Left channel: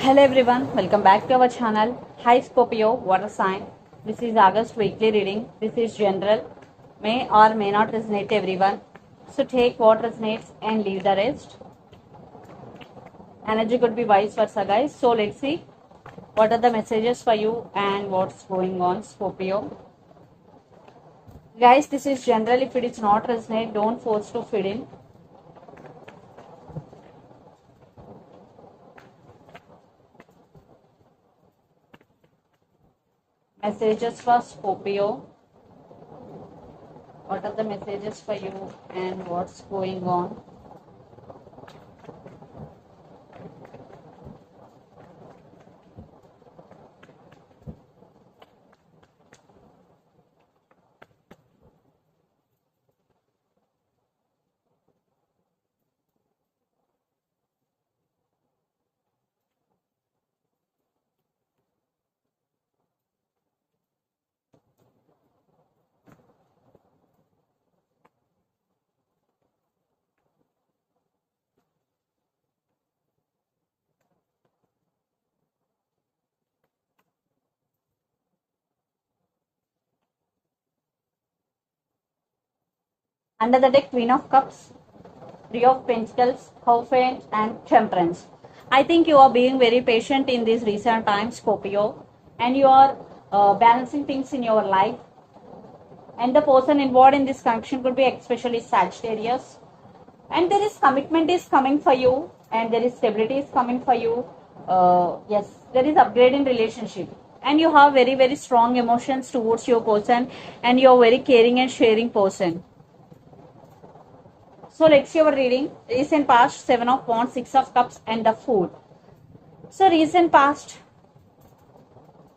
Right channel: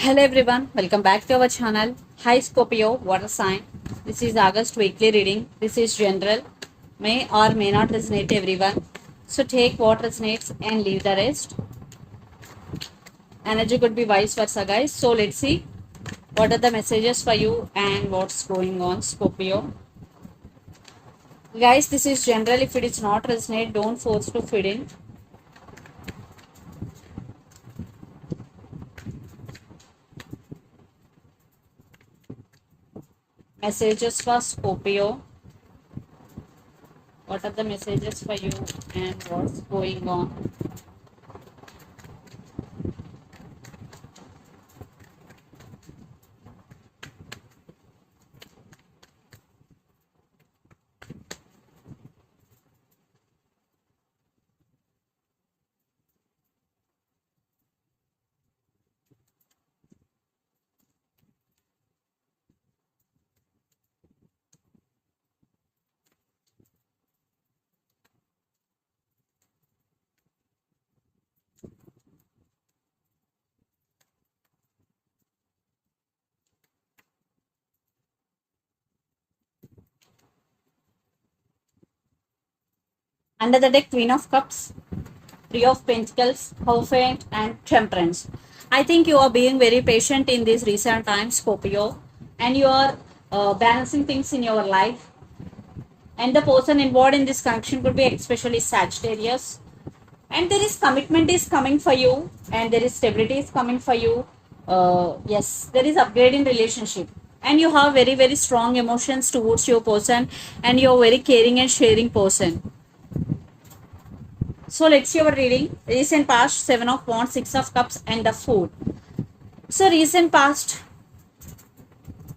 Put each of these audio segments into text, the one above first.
Hello everyone, welcome back to our channel. Hi Scorpio, water sign. This is August weekly reading. This is general. May or may not resonate everyone. So take what resonates and leave the rest. Energy could be vice versa, guys. So let's see what are the messages for you and what's going on, Scorpio. Guys, this is general. If it is not resonate, don't force to fit in. Messages for Scorpio. What are the messages for you and what's going on? Under the deck, Queen of Cups, Three of Pentacles, Hierophant, and Temperance. I think you are being very patient in these recent times, Scorpio, and you are balancing things in your life. And the person involved in this connection could be especially Sagittarius. And there is commitment is coming for you, and there is stability is coming for you. Yes, there is upgrade in relationship, and you have very very strong emotions towards your person, and you are very caring and sharing person. So let's see our reading. Recent past, Seven of Wands, Six of Cups, and the Fool. So recent past,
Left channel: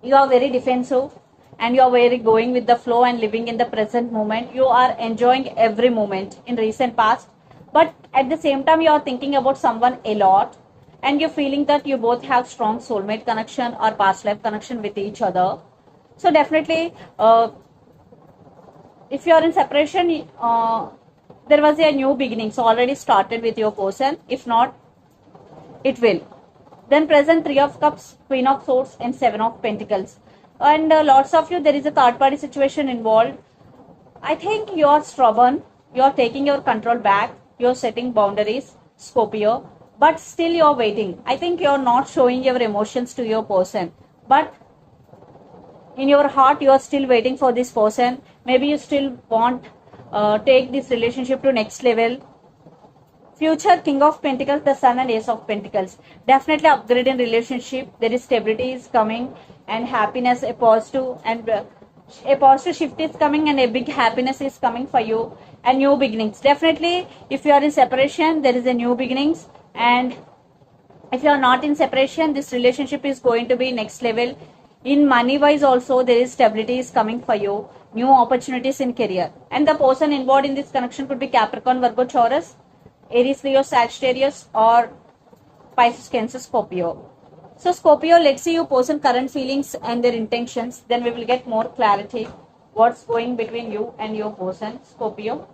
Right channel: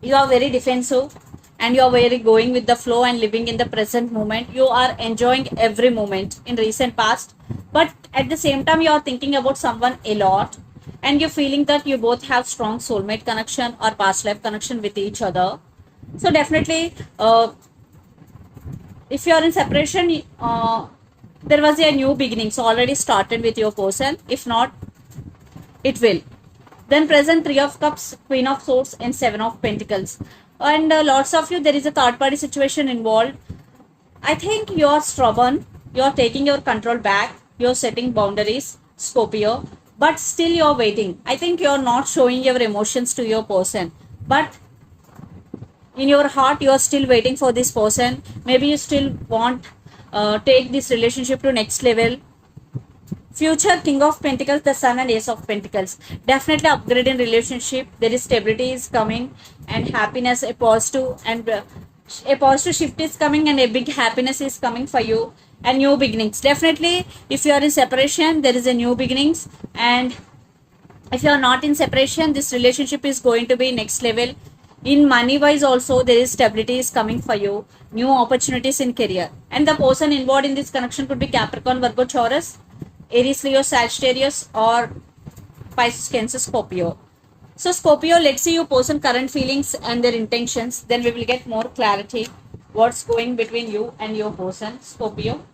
you are very defensive and you are very going with the flow and living in the present moment. You are enjoying every moment in recent past. But at the same time, you are thinking about someone a lot. And you're feeling that you both have strong soulmate connection or past life connection with each other. So definitely, if you are in separation, there was a new beginning. So already started with your person. If not, it will. Then present Three of Cups, Queen of Swords, and Seven of Pentacles. And lots of you, there is a third party situation involved. I think you are stubborn. You are taking your control back. You are setting boundaries, Scorpio. But still you are waiting. I think you are not showing your emotions to your person. But in your heart, you are still waiting for this person. Maybe you still want take this relationship to next level. Future King of Pentacles, the Sun, and Ace of Pentacles. Definitely upgrade in relationship. There is stability is coming and happiness, a positive shift is coming and a big happiness is coming for you and new beginnings. Definitely, if you are in separation, there is a new beginnings, and if you are not in separation, this relationship is going to be next level. In money wise also, there is stability is coming for you, new opportunities in career, and the person involved in this connection could be Capricorn, Virgo, Taurus, Aries, Leo, Sagittarius, or Pisces, Cancer, Scorpio. So Scorpio, let's see your person current feelings and their intentions. Then we will get more clarity what's going between you and your person, Scorpio.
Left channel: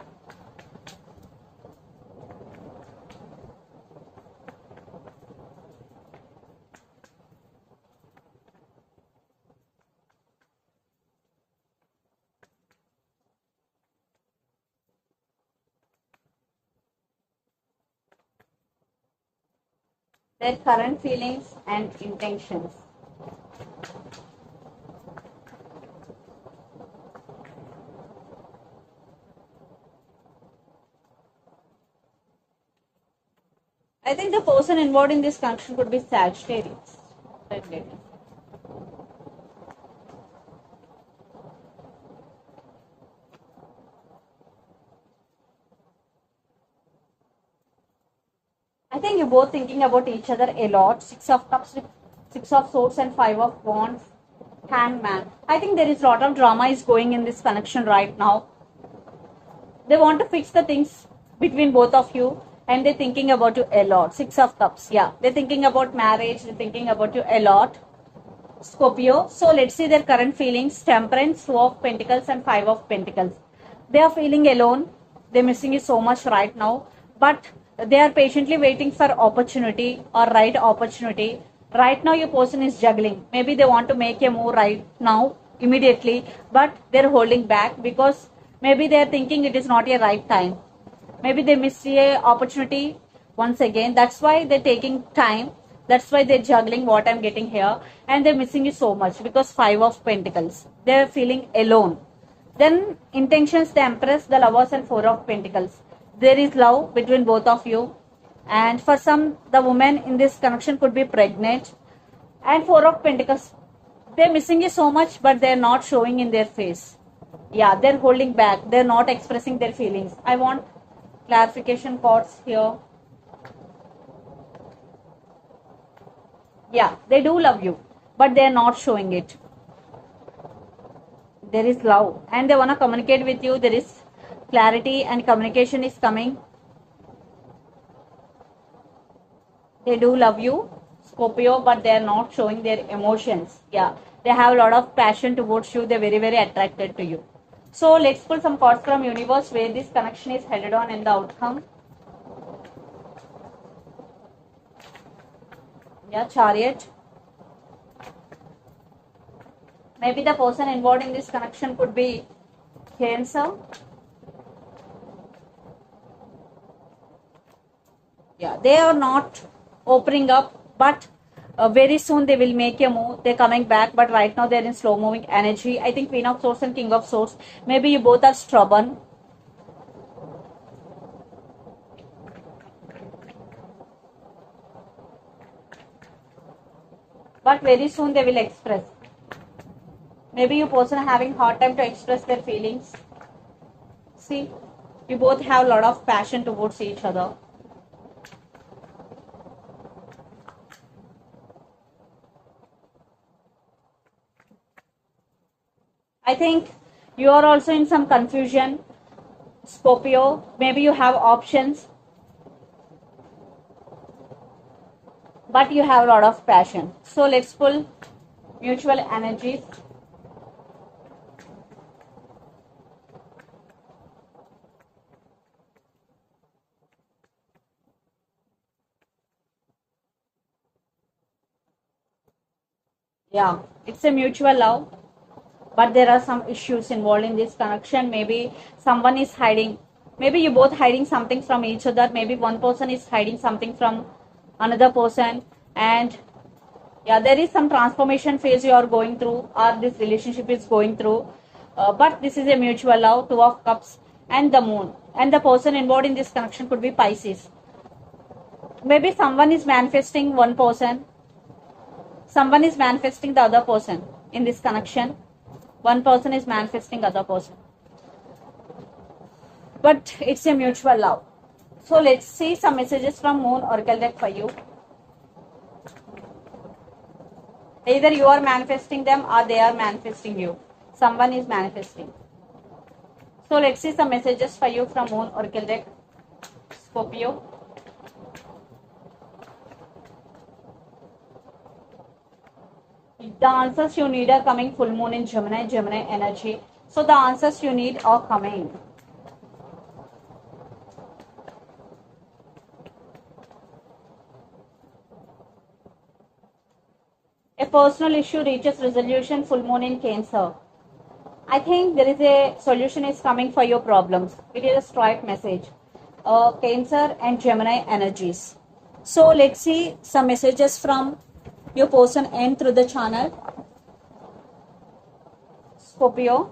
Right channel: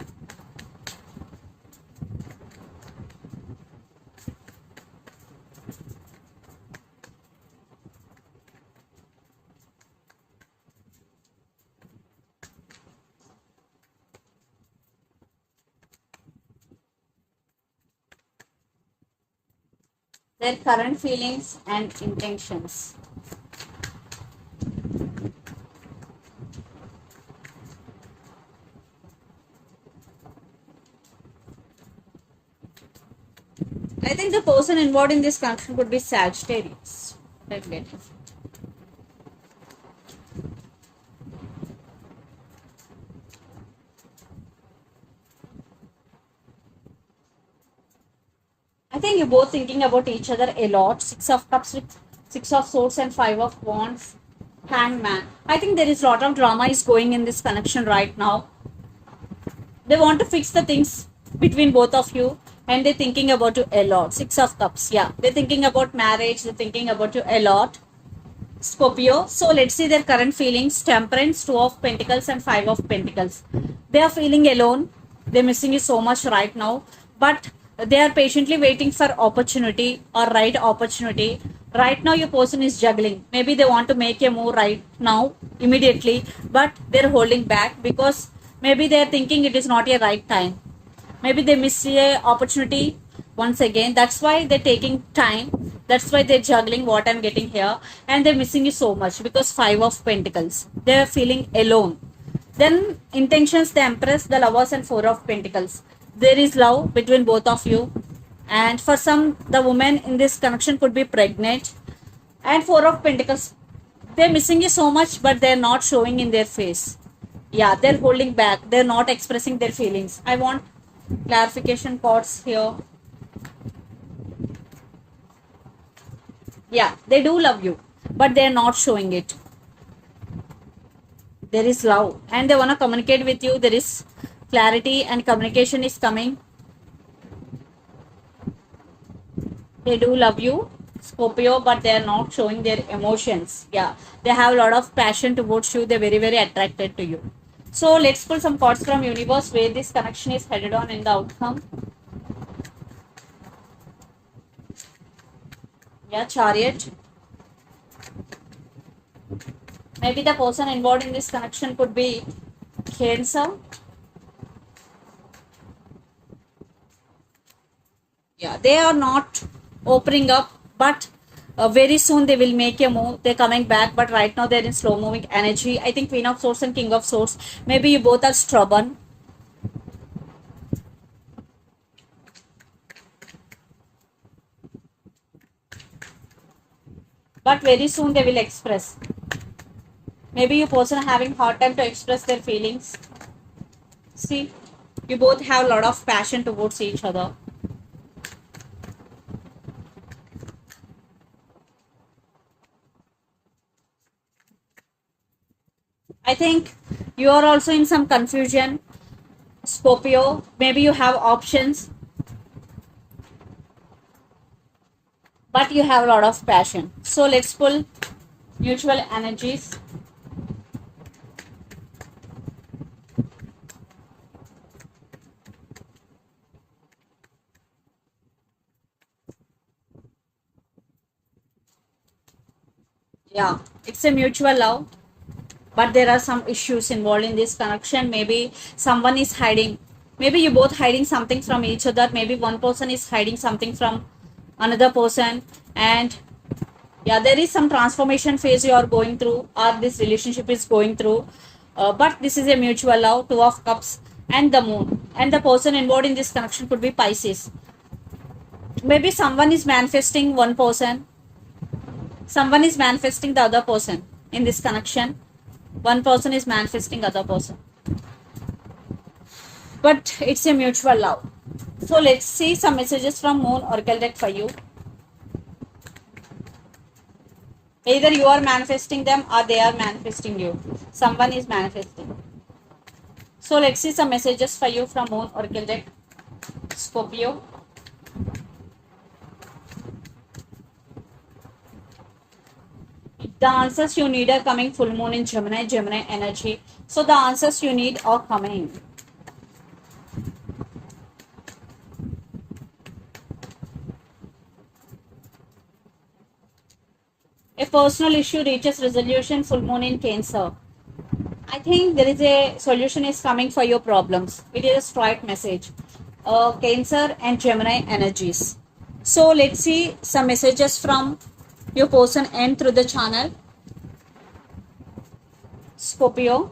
Their current feelings and intentions. I think the person involved in this connection could be Sagittarius. Definitely. I think you're both thinking about each other a lot. Six of Cups with Six of Swords and Five of Wands. Hangman. I think there is a lot of drama is going in this connection right now. They want to fix the things between both of you, and they're thinking about you a lot. Six of Cups. Yeah. They're thinking about marriage. They're thinking about you a lot, Scorpio. So let's see their current feelings. Temperance, Two of Pentacles, and Five of Pentacles. They are feeling alone. They're missing you so much right now. But they are patiently waiting for opportunity or right opportunity Right now your person is juggling. Maybe they want to make a move right now immediately, but they're holding back because maybe they're thinking it is not a right time. Maybe they miss a opportunity once again. That's why they're taking time. That's why they're juggling what I'm getting here, and they're missing you so much because Five of Pentacles. They're feeling alone. Then intentions, the Empress, the Lovers, and Four of Pentacles. There is love between both of you, and for some, the woman in this connection could be pregnant. And Four of Pentacles, they're missing you so much, but they're not showing in their face. Yeah, they're holding back. They're not expressing their feelings. I want clarification cards here. Yeah, they do love you, but they're not showing it. There is love, and they want to communicate with you. There is clarity, and communication is coming. They do love you, Scorpio, but they are not showing their emotions. Yeah, they have a lot of passion towards you. They're very, very attracted to you. So let's pull some cards from universe where this connection is headed on and the outcome. Yeah, Chariot. Maybe the person involved in this connection could be Cancer. Yeah, they are not opening up, but very soon they will make a move. They're coming back, but right now they're in slow moving energy. I think Queen of Swords and King of Swords. Maybe you both are stubborn. But very soon they will express. Maybe you person having hard time to express their feelings. See, you both have a lot of passion towards each other. I think you are also in some confusion, Scorpio. Maybe you have options, but you have a lot of passion. So let's pull mutual energies. Yeah, it's a mutual love, but there are some issues involved in this connection. Maybe someone is hiding. Maybe you both hiding something from each other. Maybe one person is hiding something from another person, and yeah, there is some transformation phase you are going through, or this relationship is going through. But this is a mutual love. Two of Cups and the Moon, and the person involved in this connection could be Pisces. Maybe someone is manifesting one person, someone is manifesting the other person in this connection. One person is manifesting other person, but it's a mutual love. So let's see some messages from Moon Oracle deck for you. Either you are manifesting them or they are manifesting you. Someone is manifesting. So let's see some messages for you from Moon Oracle deck, Scorpio. The answers you need are coming. Full moon in Gemini, Gemini energy. So the answers you need are coming. A personal issue reaches resolution. Full moon in Cancer. I think there is a solution is coming for your problems. It is a straight message. Cancer and Gemini energies. So let's see some messages from your person and through the channel. Scorpio.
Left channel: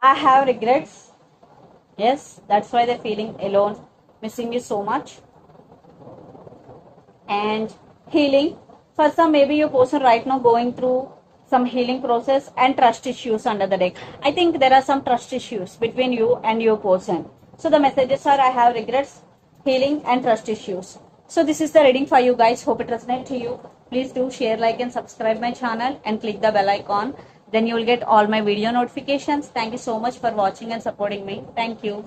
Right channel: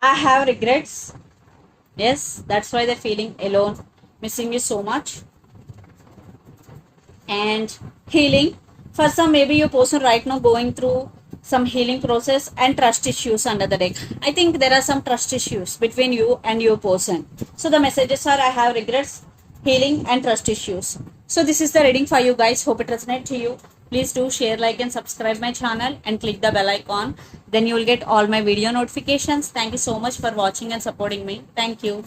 I have regrets. Yes, that's why they're feeling alone, missing you so much. And healing. For some, maybe your person right now going through some healing process and trust issues under the deck. I think there are some trust issues between you and your person. So the messages are I have regrets, healing and trust issues. So this is the reading for you guys. Hope it resonates to you. Please do share, like and subscribe my channel and click the bell icon. Then you will get all my video notifications. Thank you so much for watching and supporting me. Thank you.